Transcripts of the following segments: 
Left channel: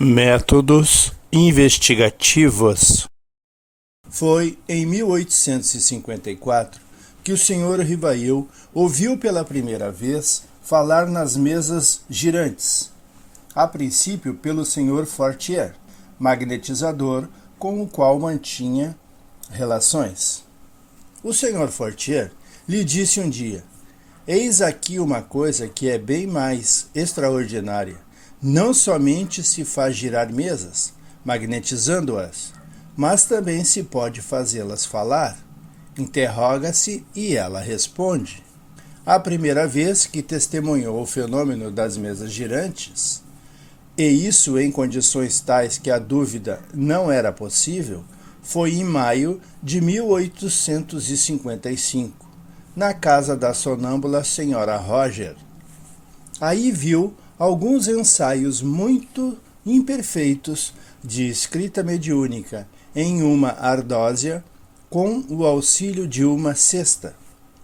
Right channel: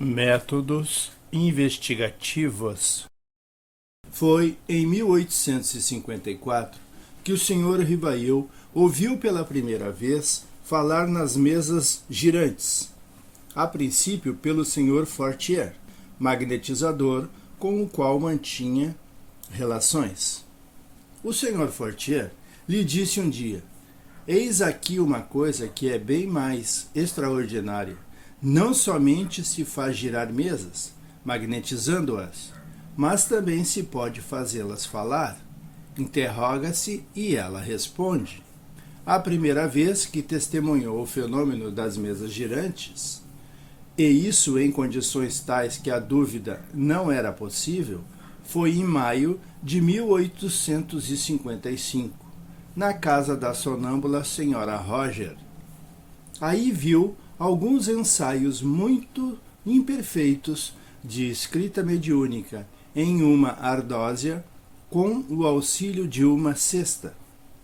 Métodos investigativos. Foi em 1854 que o Sr. Rivail ouviu pela primeira vez falar nas mesas girantes, a princípio pelo Sr. Fortier, magnetizador com o qual mantinha relações. O Sr. Fortier lhe disse um dia: "Eis aqui uma coisa que é bem mais extraordinária. Não somente se faz girar mesas, magnetizando-as, mas também se pode fazê-las falar. Interroga-se e ela responde." A primeira vez que testemunhou o fenômeno das mesas girantes, e isso em condições tais que a dúvida não era possível, foi em maio de 1855, na casa da sonâmbula Sra. Roger. Aí viu alguns ensaios muito imperfeitos de escrita mediúnica em uma ardósia com o auxílio de uma cesta.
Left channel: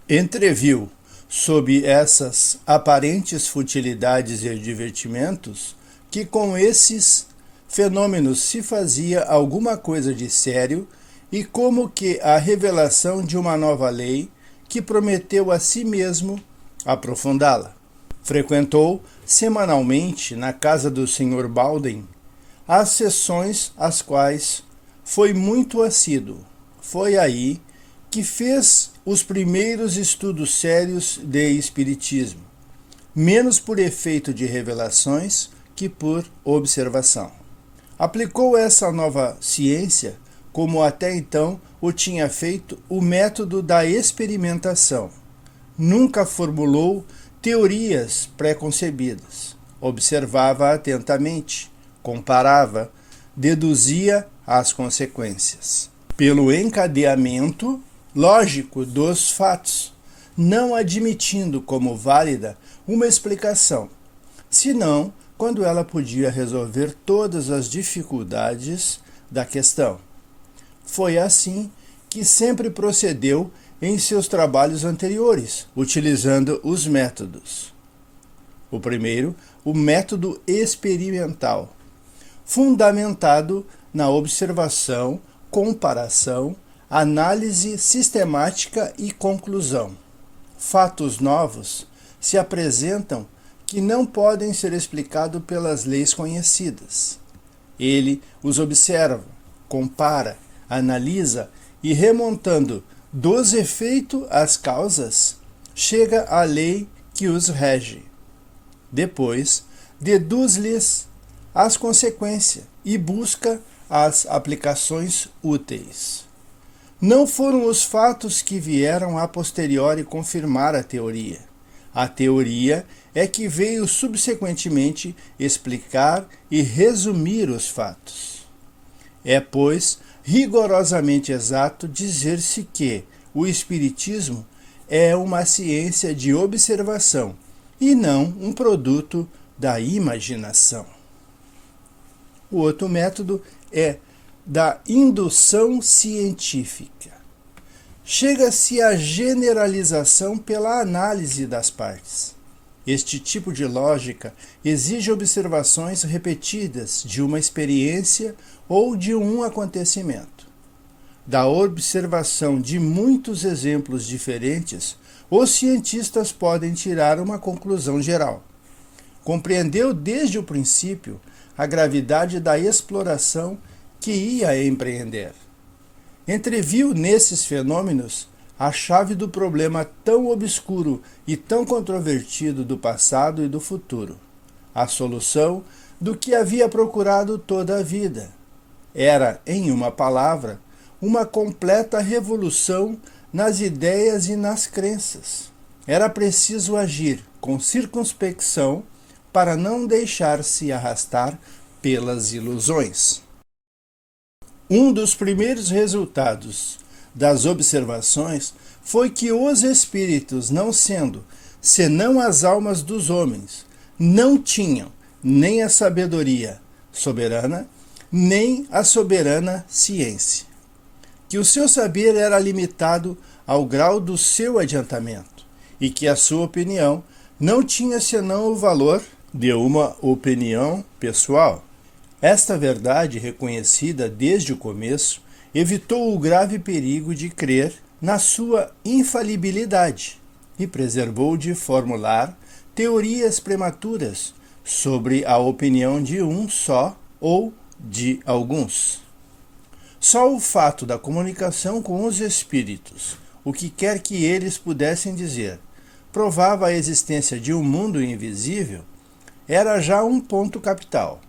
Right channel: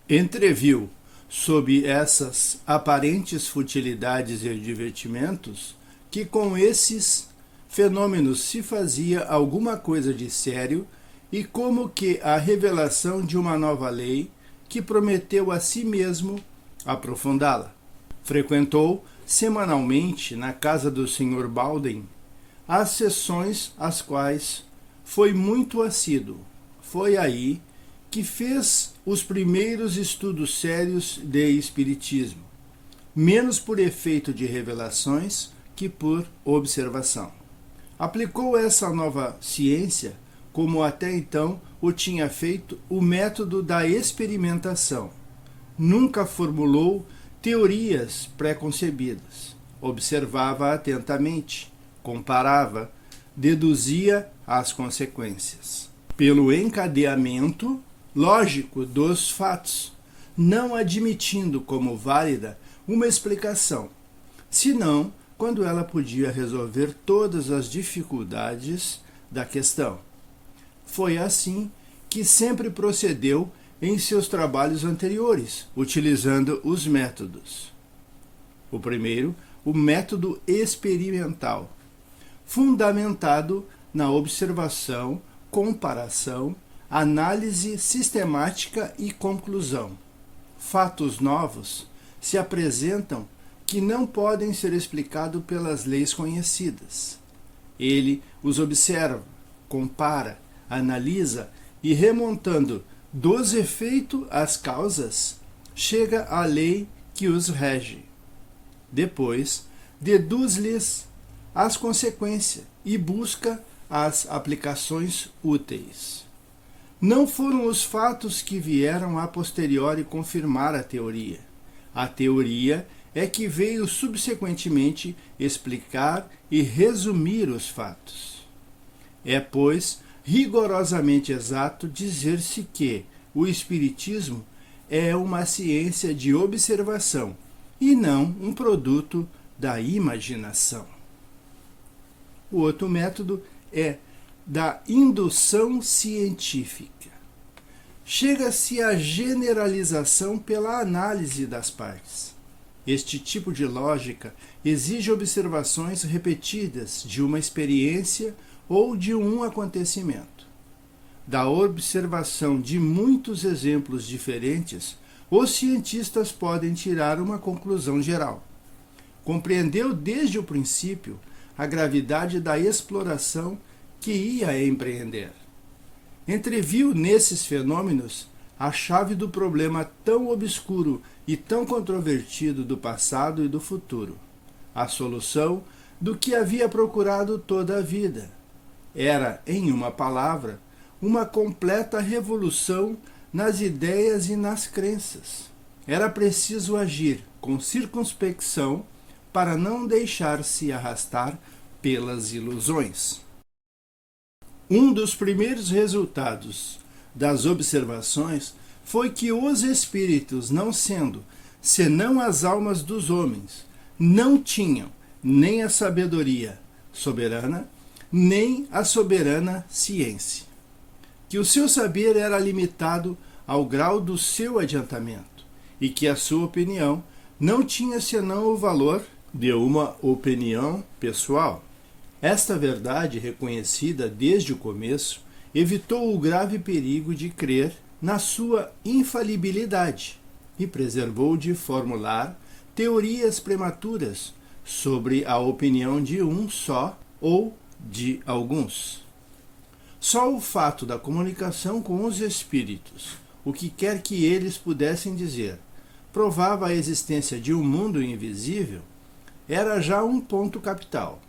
Entreviu, sob essas aparentes futilidades e divertimentos, que com esses fenômenos se fazia alguma coisa de sério e como que a revelação de uma nova lei que prometeu a si mesmo aprofundá-la. Frequentou semanalmente na casa do Sr. Baldwin as sessões às quais foi muito assíduo. Foi aí que fez os primeiros estudos sérios de espiritismo, menos por efeito de revelações que por observação. Aplicou essa nova ciência, como até então o tinha feito, o método da experimentação. Nunca formulou teorias pré-concebidas. Observava atentamente, comparava, deduzia as consequências. Pelo encadeamento lógico dos fatos, não admitindo como válida uma explicação, senão quando ela podia resolver todas as dificuldades da questão. Foi assim que sempre procedeu em seus trabalhos anteriores, utilizando os métodos. O primeiro, o método experimental, fundamentado na observação, comparação, análise sistemática e conclusão. Fatos novos se apresentam que não podem ser explicados pelas leis conhecidas. Ele os observa, compara, analisa e, remontando dos efeitos às causas, chega à lei que os rege. Depois, deduz-lhes as consequências e busca as aplicações úteis. Não foram os fatos que vieram a posteriori confirmar a teoria. A teoria é que veio subsequentemente explicar e resumir os fatos. É, pois, rigorosamente exato dizer-se que o espiritismo é uma ciência de observação e não um produto da imaginação. O outro método é da indução científica. Chega-se à generalização pela análise das partes. Este tipo de lógica exige observações repetidas de uma experiência ou de um acontecimento. Da observação de muitos exemplos diferentes, os cientistas podem tirar uma conclusão geral. Compreendeu desde o princípio a gravidade da exploração que ia empreender. Entreviu nesses fenômenos a chave do problema tão obscuro e tão controvertido do passado e do futuro, a solução do que havia procurado toda a vida. Era, em uma palavra, uma completa revolução nas ideias e nas crenças. Era preciso agir com circunspecção para não deixar-se arrastar pelas ilusões. Um dos primeiros resultados das observações foi que os espíritos, não sendo senão as almas dos homens, não tinham nem a sabedoria soberana, nem a soberana ciência. Que o seu saber era limitado ao grau do seu adiantamento, e que a sua opinião não tinha senão o valor de uma opinião pessoal. Esta verdade, reconhecida desde o começo, evitou o grave perigo de crer na sua infalibilidade e preservou de formular teorias prematuras sobre a opinião de um só ou de alguns. Só o fato da comunicação com os espíritos, o que quer que eles pudessem dizer, provava a existência de um mundo invisível, era já um ponto capital.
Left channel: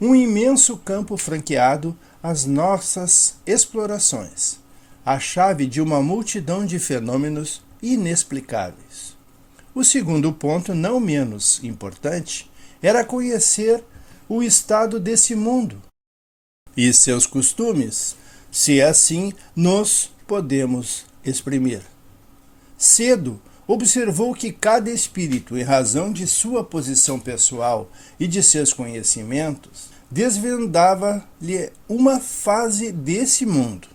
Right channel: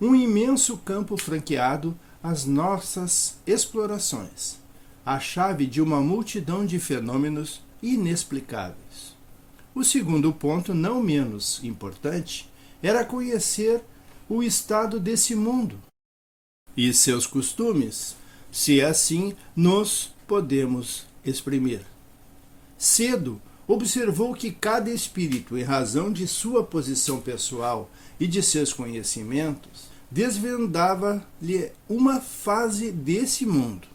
Um imenso campo franqueado às nossas explorações, a chave de uma multidão de fenômenos inexplicáveis. O segundo ponto, não menos importante, era conhecer o estado desse mundo e seus costumes, se assim nos podemos exprimir. Cedo, observou que cada espírito, em razão de sua posição pessoal e de seus conhecimentos, desvendava-lhe uma fase desse mundo.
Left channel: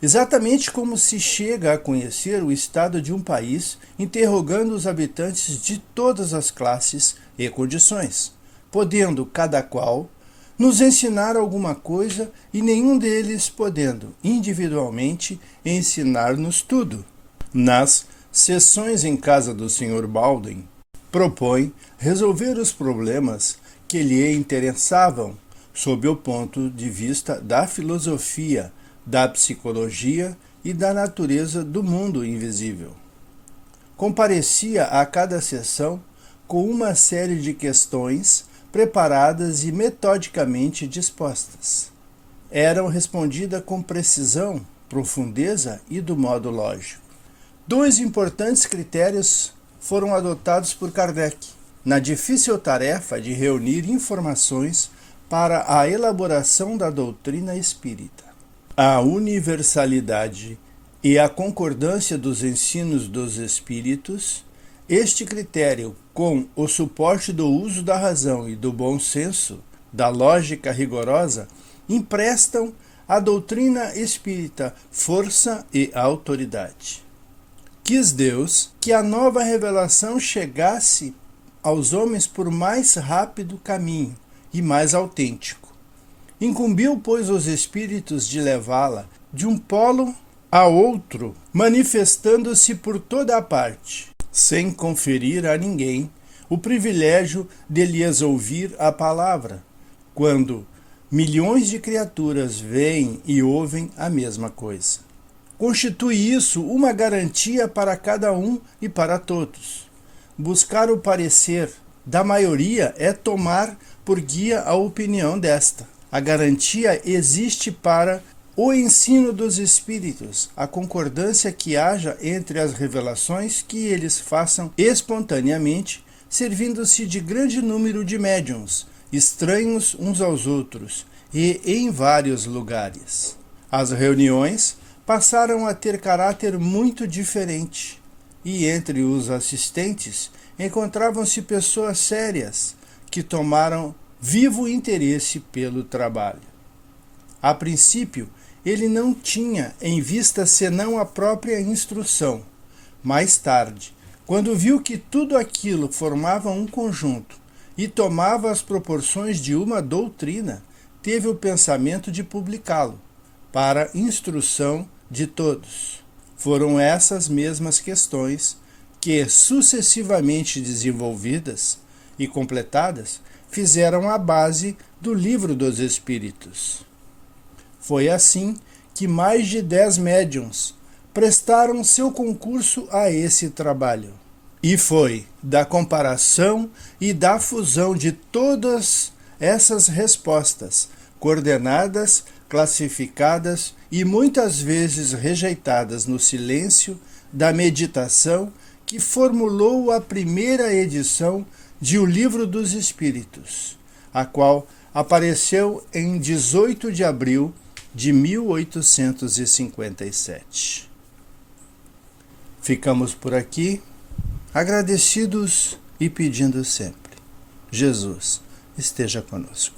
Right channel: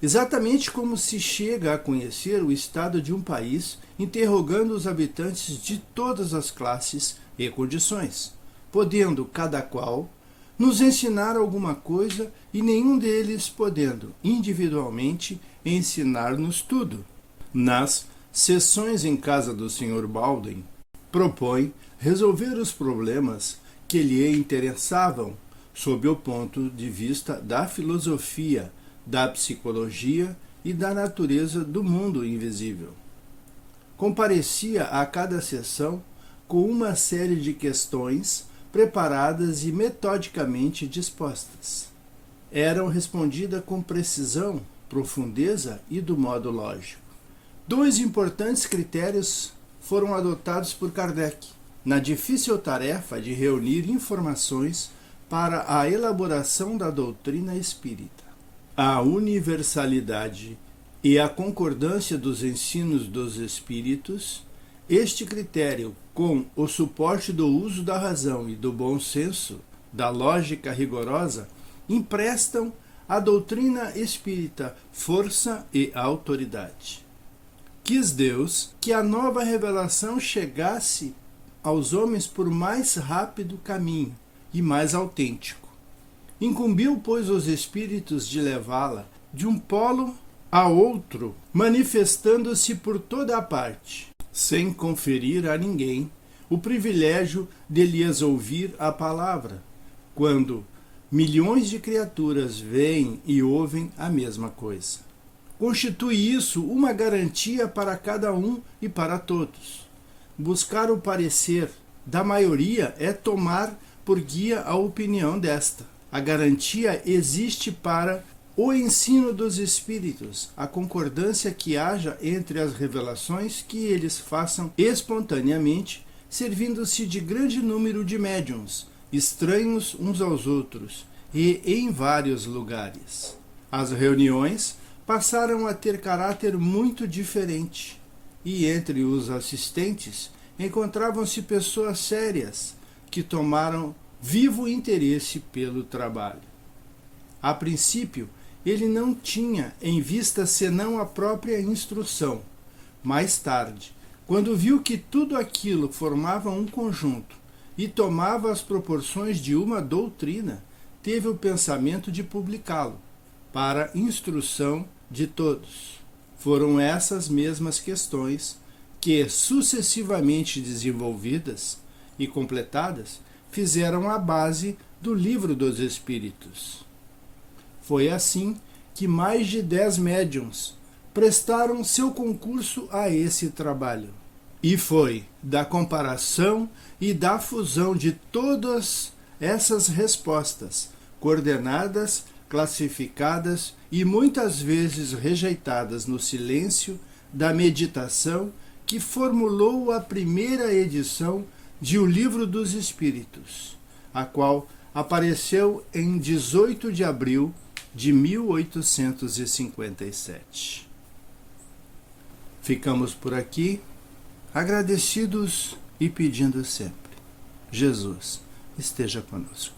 Exatamente como se chega a conhecer o estado de um país interrogando os habitantes de todas as classes e condições, podendo cada qual nos ensinar alguma coisa e nenhum deles podendo, individualmente, ensinar-nos tudo. Nas sessões em casa do Sr. Baldwin, propõe resolver os problemas que lhe interessavam sob o ponto de vista da filosofia, da psicologia e da natureza do mundo invisível. Comparecia a cada sessão com uma série de questões preparadas e metodicamente dispostas. Eram respondidas com precisão, profundeza e do modo lógico. 2 importantes critérios foram adotados por Kardec na difícil tarefa de reunir informações para a elaboração da doutrina espírita: a universalidade e a concordância dos ensinos dos espíritos. Este critério, com o suporte do uso da razão e do bom senso, da lógica rigorosa, emprestam à doutrina espírita força e autoridade. Quis Deus que a nova revelação chegasse aos homens por mais rápido caminho e mais autêntico. Incumbiu, pois, os espíritos de levá-la de um polo a outro, manifestando-se por toda a parte, sem conferir a ninguém o privilégio de lhes ouvir a palavra, quando milhões de criaturas veem e ouvem a mesma coisa. Constitui isso uma garantia para cada um e para todos. Buscar o parecer da maioria é tomar por guia a opinião desta. A garantia existe para o ensino dos espíritos, a concordância que haja entre as revelações que eles façam espontaneamente, servindo-se de grande número de médiuns, estranhos uns aos outros e em vários lugares. As reuniões passaram a ter caráter muito diferente, e entre os assistentes encontravam-se pessoas sérias que tomaram vivo interesse pelo trabalho. A princípio, ele não tinha em vista senão a própria instrução. Mais tarde, quando viu que tudo aquilo formava um conjunto e tomava as proporções de uma doutrina, teve o pensamento de publicá-lo, para instrução de todos. Foram essas mesmas questões que, sucessivamente desenvolvidas e completadas, fizeram a base do Livro dos Espíritos. Foi assim que mais de 10 médiuns prestaram seu concurso a esse trabalho. E foi da comparação e da fusão de todas essas respostas, coordenadas, classificadas e muitas vezes rejeitadas no silêncio da meditação, que formulou a primeira edição de O Livro dos Espíritos, a qual apareceu em 18 de abril de 1857. Ficamos por aqui, agradecidos e pedindo sempre: Jesus esteja conosco.